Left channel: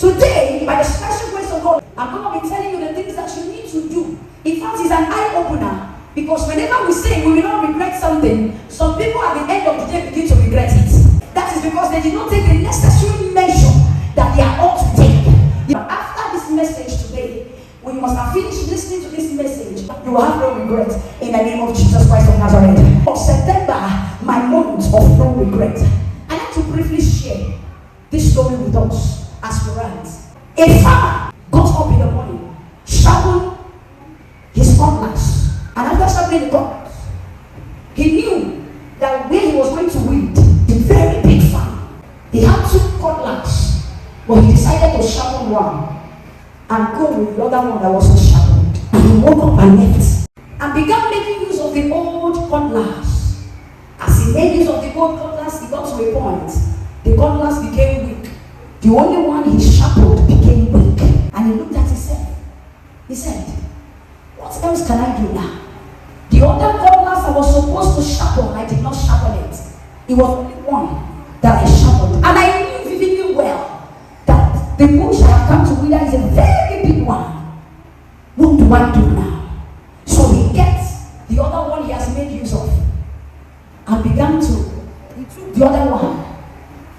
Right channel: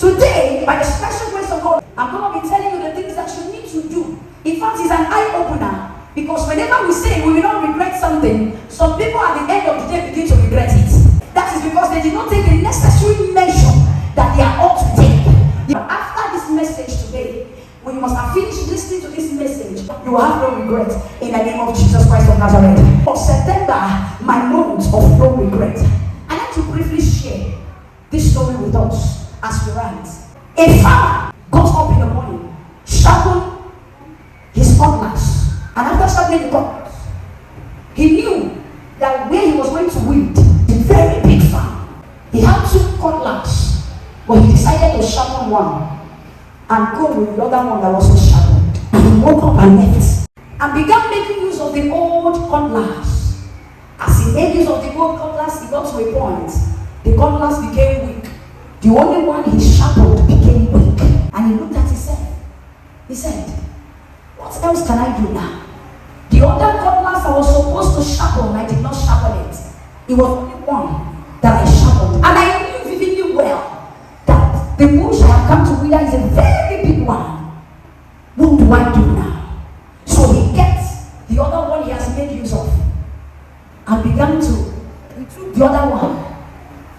Today, by the special grace of God, I'm going to be telling you the things that you need to do. In fact, it's an eye-opener. Because whenever we say we will not regret something, some people at the end of the day begin to regret it. That is because they did not take the necessary measure that they are ought to take. But after this message today, when you must have finished listening to this message, you will have no regret in the name of Jesus Christ of Nazareth. For September, my month of no regret. I like to briefly share this story with us as parents. A farmer goes up in the morning, sharpened his cutlass, and after sharpening the cutlass, he knew that where he was going to weed, a very big farm, he had 2 cutlasses, but he decided to sharpen one and go with the other one that was also sharpened. And he woke up and ate and began making use of the old cutlass. As he made use of the old cutlass, he got to a point. The cutlass became weak. The only one he sharpened became weak. And he looked at himself. He said, what else can I do now? The other cutlass I was supposed to sharpen, I did not sharpen it. It was only one that I sharpened. And I knew vividly well that the bush I have come to wither is a very big one. What do I do now? So he gets the other one he has made use of and began to retrieve the other one.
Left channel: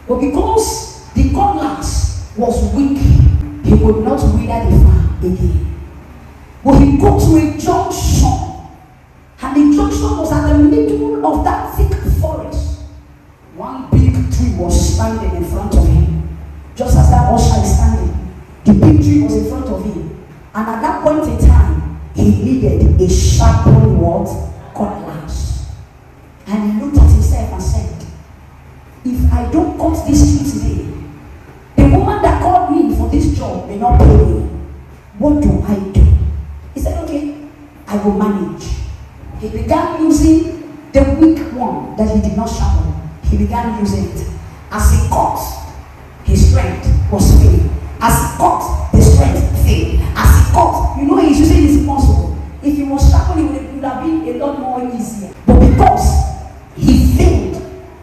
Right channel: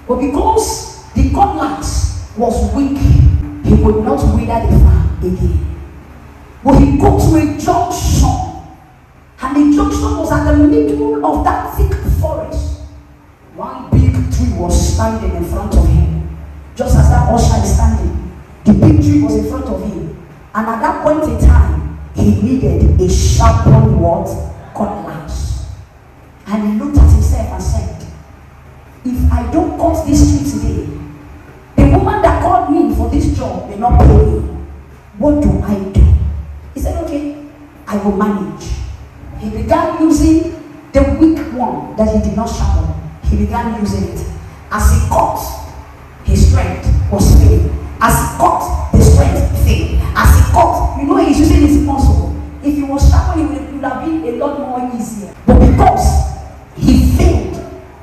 But because the cutlass was weak, he would not wither the farm again. But he got to a junction, and the junction was at the middle of that thick forest. One big tree was standing in front of him. Just as that usher is standing, the big tree was in front of him. And at that point in time, he needed a sharpened what? Cutlass. And he looked at himself and said, if I don't cut this tree today, the woman that called me for this job may not pay me. What do I do? He said, okay, I will manage. He began using the weak one that he did not sharpen. He began using it. As he cut, his strength was failing. As he cut, the strength failed. As he cut, he's using his muscle. If he was sharpening, it would have been a lot more easier. But because he failed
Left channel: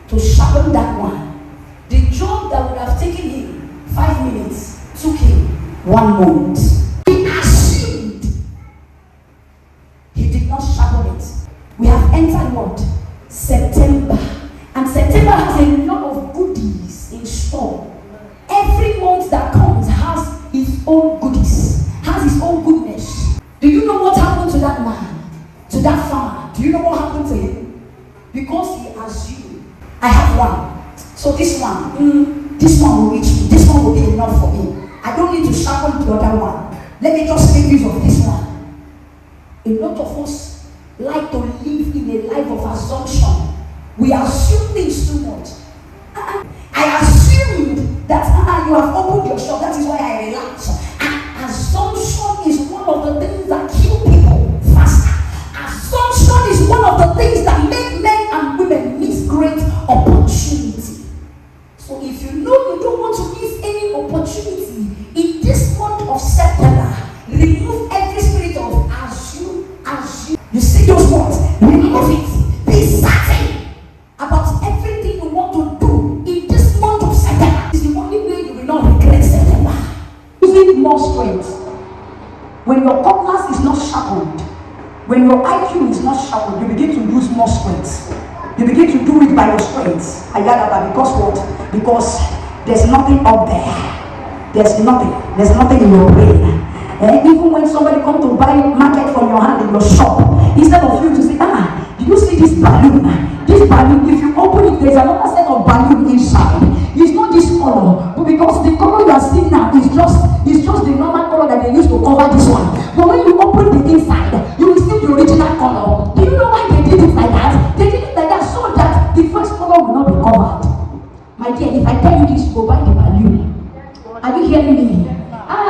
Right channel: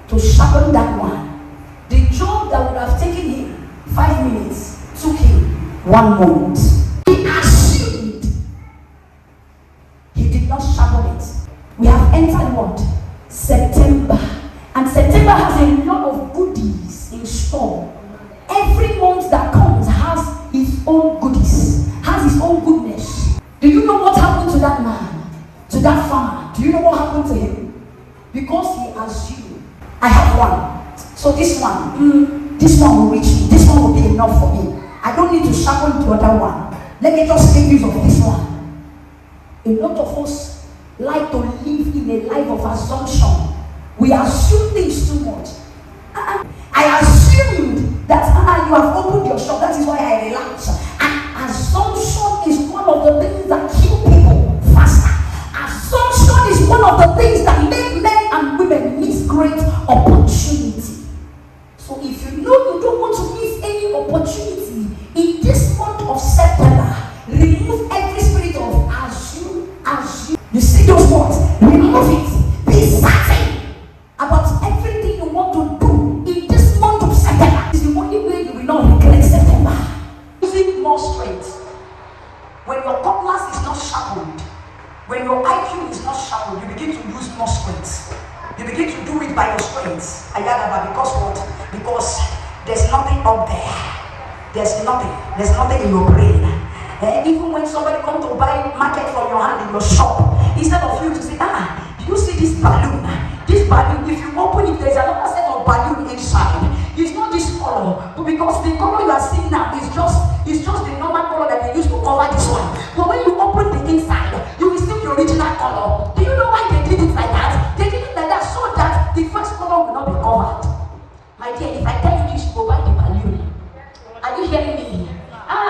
to sharpen that one, the job that would have taken him 5 minutes took him 1 month. We have entered what? September. And September has a lot of goodies in store. Every month that comes has its own goodies, has its own goodness. Do you know what happened to that man? To that farmer? Do you know what happened to him? Because he assumed, I have one. So this one will reach me. This one will be enough for me. I don't need to sharpen the other one. Let me just make use of this one. A lot of us like to live in a life of assumption. We assume things too much. I assume that you have opened your shop. That is why I relax. And assumption is one of the things that kill people faster. Assumption is one of the things that make men and women miss great opportunity. So if you know you don't want to miss any opportunity in this month of September, remove every spirit of assume. You see those words, remove it. Be certain about everything you want to do in this month of September. It's the only way you will not regret September. Using more strength. When your cutlass is not sharpened, when your IQ is not sharpened, you begin to use more strength. You begin to do it by your strength. Because what? Because there's nothing up there. There's nothing in your brain. And even when somebody comes to buy market from your hand in your shop, instead of you to say, do you see this balloon? This balloon, if you open it, there's another set of balloon inside. It's not this color, but because the color you are seeing now is just the normal color that they use to cover this one. But when you open the inside, you will see the original color. Do you know why they did it like that? They did it like that so that the first color will not be covered. My dear, if I tell you this, you go buy the balloon. Are you hearing me?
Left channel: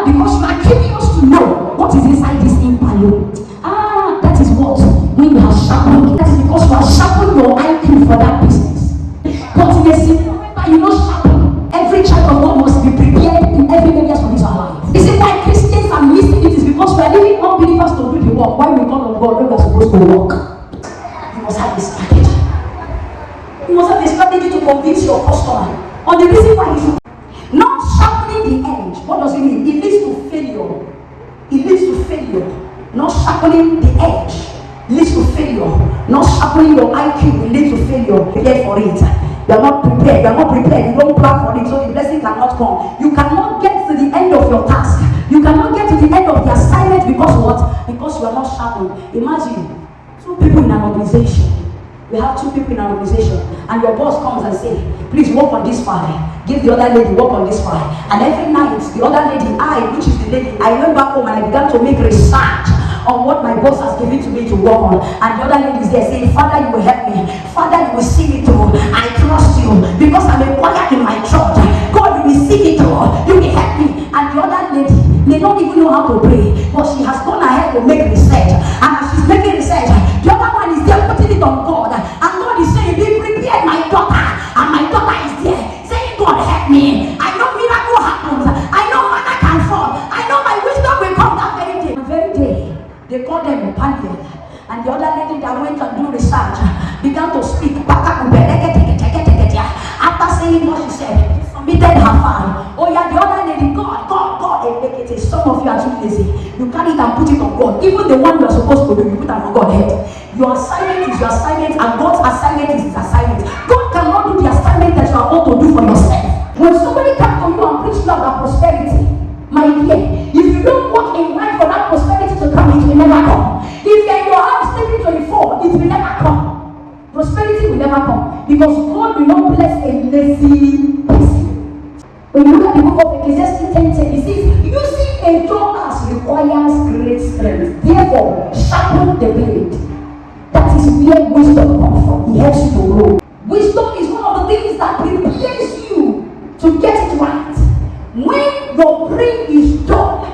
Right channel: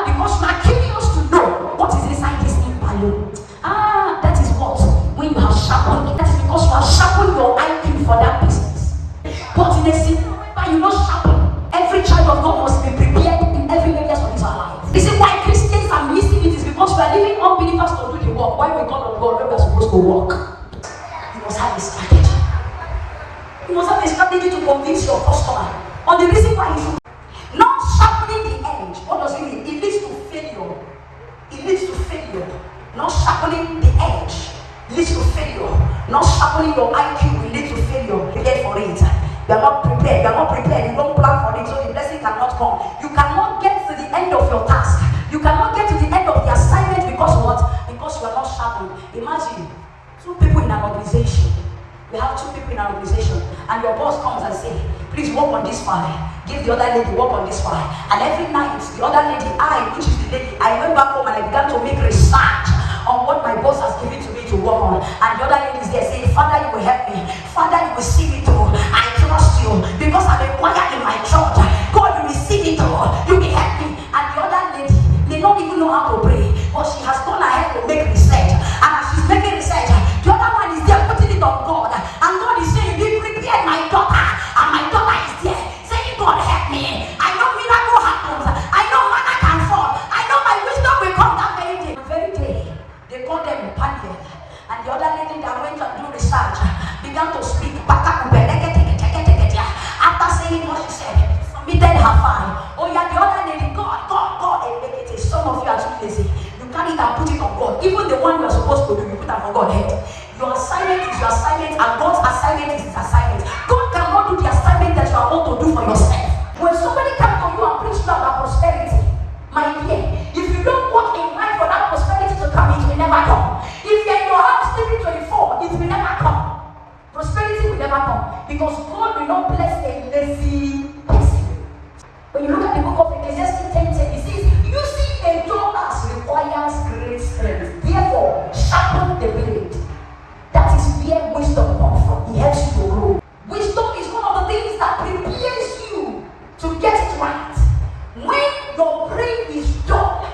Because you are curious to know what is inside this balloon. That is what when you have sharpened. That is because you have sharpened your IQ for that business. But in a scenario where you don't sharpen, every child of God must be prepared in every area of his life. This is why Christians are missing it, is because we are leaving unbelievers to do the work. Why we call on God when we are supposed to work? You must have a strategy. You must have a strategy to convince your customer on the reason why you should not sharpening the edge. What does Not sharpening the edge leads to failure. Not sharpening your IQ will lead to failure. Prepare for it. You are not prepared. You are not prepared. You don't plan for it, so the blessing cannot come. You cannot get to the end of your task. You cannot get to the end of the assignment because what? Because you are not sharpened. Imagine 2 people in an organization. We have 2 people in an organization, and your boss comes and says, please work on this file. Give the other lady work on this file. And every night, the other lady, which is the lady, I went back home and I began to make research on what my boss has given to me to work on. And the other lady is there saying, Father, you will help me. Father, you will see me through. I trust you because I'm a choir in my church. God, you will see me through. You will help me. And the other lady may not even know how to pray, but she has gone ahead to make research. And as she's making research, the other one is there putting it on God. And God is saying, be prepared, my daughter. And my daughter is there saying, God, help me. I know miracle happens. I know manna can fall. I know my wisdom will come that very day. And very day, they call them a panel. And the other lady that went and do research began to speak. After saying what she said, submitted her file. Oh yeah, the other lady, God. Some of you are too lazy. You carry it and put it on God. Even the one you are supposed to do, you put it on God's head. Your assignment is your assignment, and God's assignment is his assignment. God cannot do the assignment that you are about to do for yourself. When somebody comes to you and preach you about prosperity, my dear, if you don't work in life for that prosperity to come, it will never come. If you're in your house taking 24, it will never come. Prosperity will never come because God will not bless a lazy person. When you look at the book of Ecclesiastes 10:10, it says, using a tall axe requires great strength. Therefore, sharpen the blade. That is where wisdom comes from. It helps you to grow. Wisdom is one of the things that prepares you to get it right. When your brain is dull,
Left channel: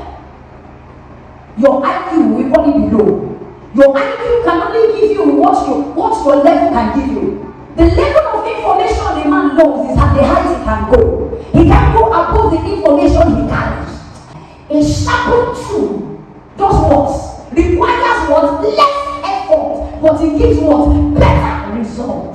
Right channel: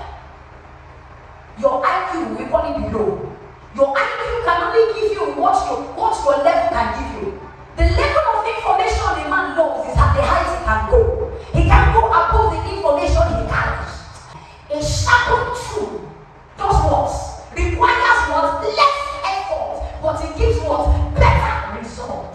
your IQ will only be low. Your IQ can only give you what your level can give you. The level of information a man knows is at the highest he can go. He can go above the information he carries. A sharpened tool does what? Requires what? Less effort, but it gives what? Better results.